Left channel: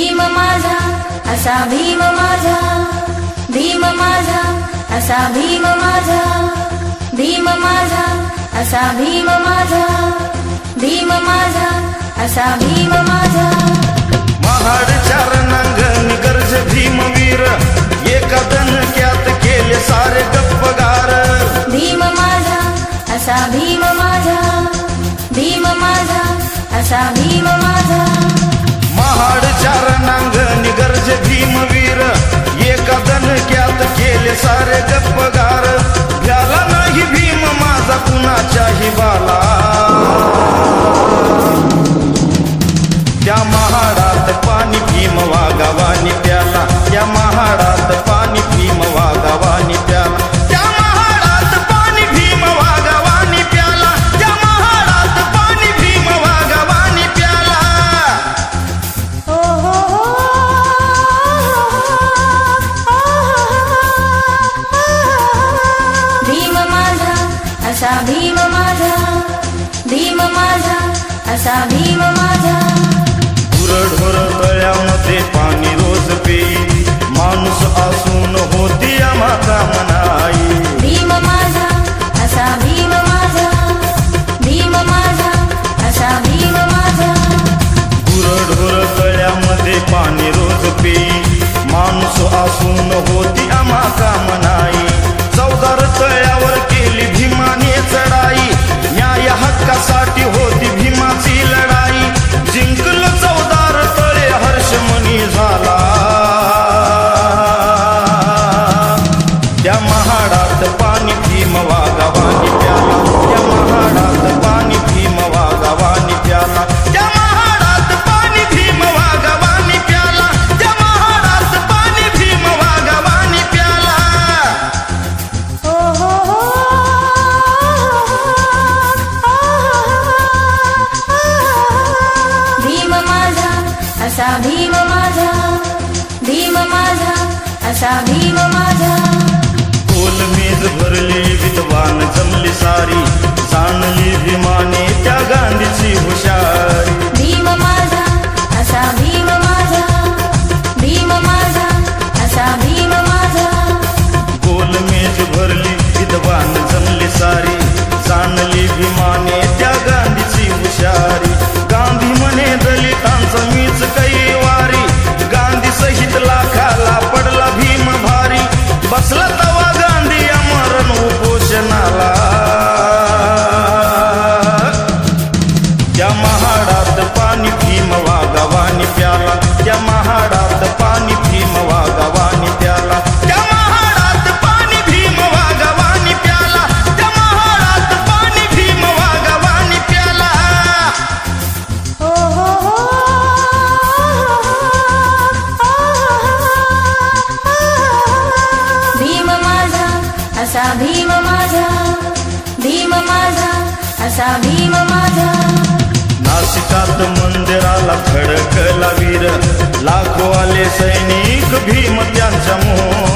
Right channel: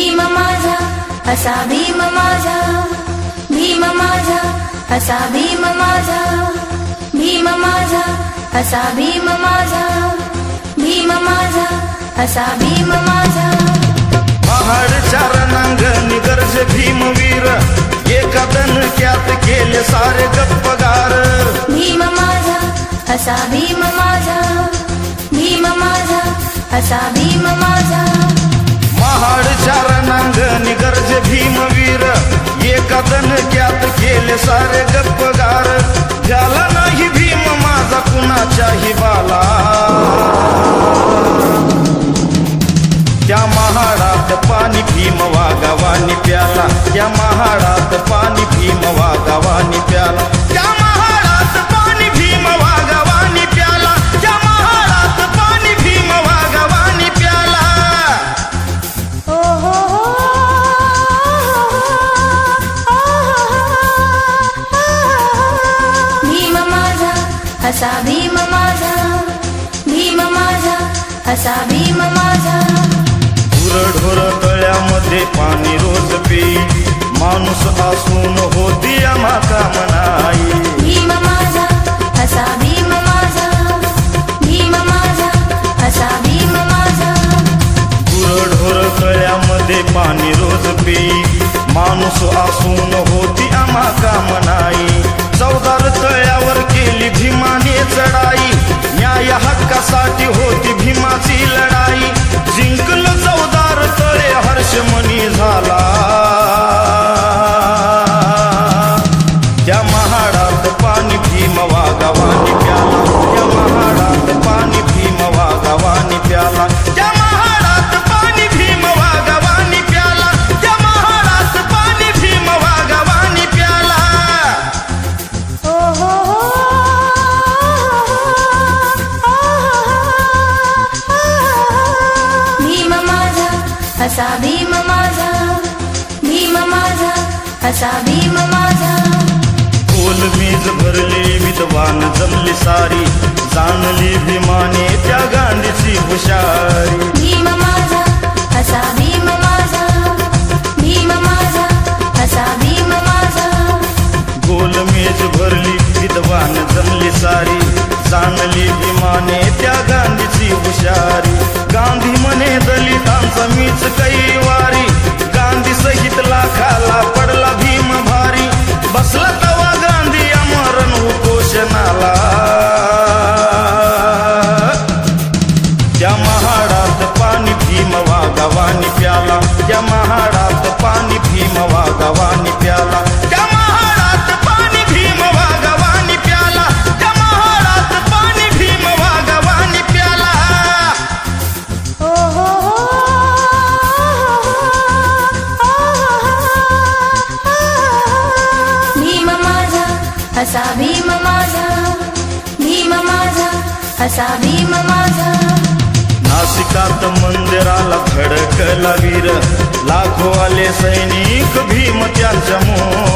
भीम माझा असा भीम माझा, भीम माझा असा भीम माझा, भीम माझा असा भीम माझा, भीम माझा असा भीम माझा. महाडच्या रणांगणी गरजे भीमवीर, एका दणक्यात केले सारे गप्पगार. भीम माझा असा भीम माझा, भीम माझा असा भीम माझा. महाडच्या रणांगणी गरजे भीमवीर, एका दणक्यात केले सारे गप्पगार. त्याला नाही भीम माझा कुणाच्याही बाला, त्या महाडात पाणी भीम वागावानी प्याला, त्या महाडात पाणी भीम वागावानी प्याला, त्या महाडात पाणी भीम वागावानी प्याला, त्या महाडात पाणी भीम वागावानी प्याला. हो हो हो भीम माझा असा भीम माझा, भीम माझा असा भीम माझा. ढोर गळ्यामध्ये पाणी रोज पेई, माणूस असून होती माता नाही. भीम माझा असा भीम माझा, भीम माझा असा भीम माझा. ढोर गळ्यामध्ये पाणी रोज पेई, माणूस असून होती माता नाही. चौदार तळ्यावर केली भीमाने चढाई, न्याय हक्कासाठी होती भीमाची लढाई. जिंकलं चौदार तळे हर्षमणी झाला, त्या महाडात पाणी भीम वागावानी प्याला, त्या महाडात पाणी भीम वागावानी प्याला, त्या महाडात पाणी भीम वागावानी प्याला, त्या महाडात पाणी भीम वागावानी प्याला. हो हो हो भीम माझा असा भीम माझा, भीम माझा असा भीम माझा. कोण मेज भरलेली विद्वान जमली सारी, जाणली भीमाने त्या गाण्याची हुशारी. भीम माझा असा भीम माझा, भीम माझा असा भीम माझा. कोण मेज भरली विद्वान जमली सारी, जाणली भीमाने त्या गाण्याची हुशारी. गांधी म्हणे दलितांचं मीच कैवारी, गांधी सहित लाखाला पडला भीम भारी. बसला तवा गांधी या मरण उपोषणाला, त्या महाडात पाणी भीम वागावानी प्याला, त्या महाडात पाणी भीम वागावानी प्याला, त्या महाडात पाणी भीम वागावानी प्याला, त्या महाडात पाणी भीम वागावानी प्याला. हो हो हो भीम माझा असा भीम माझा, भीम माझा असा भीम माझा. नाशिकात मंदिराला खडकला वीर, लाखो आले सैनिक भीम त्यांच्या मोह.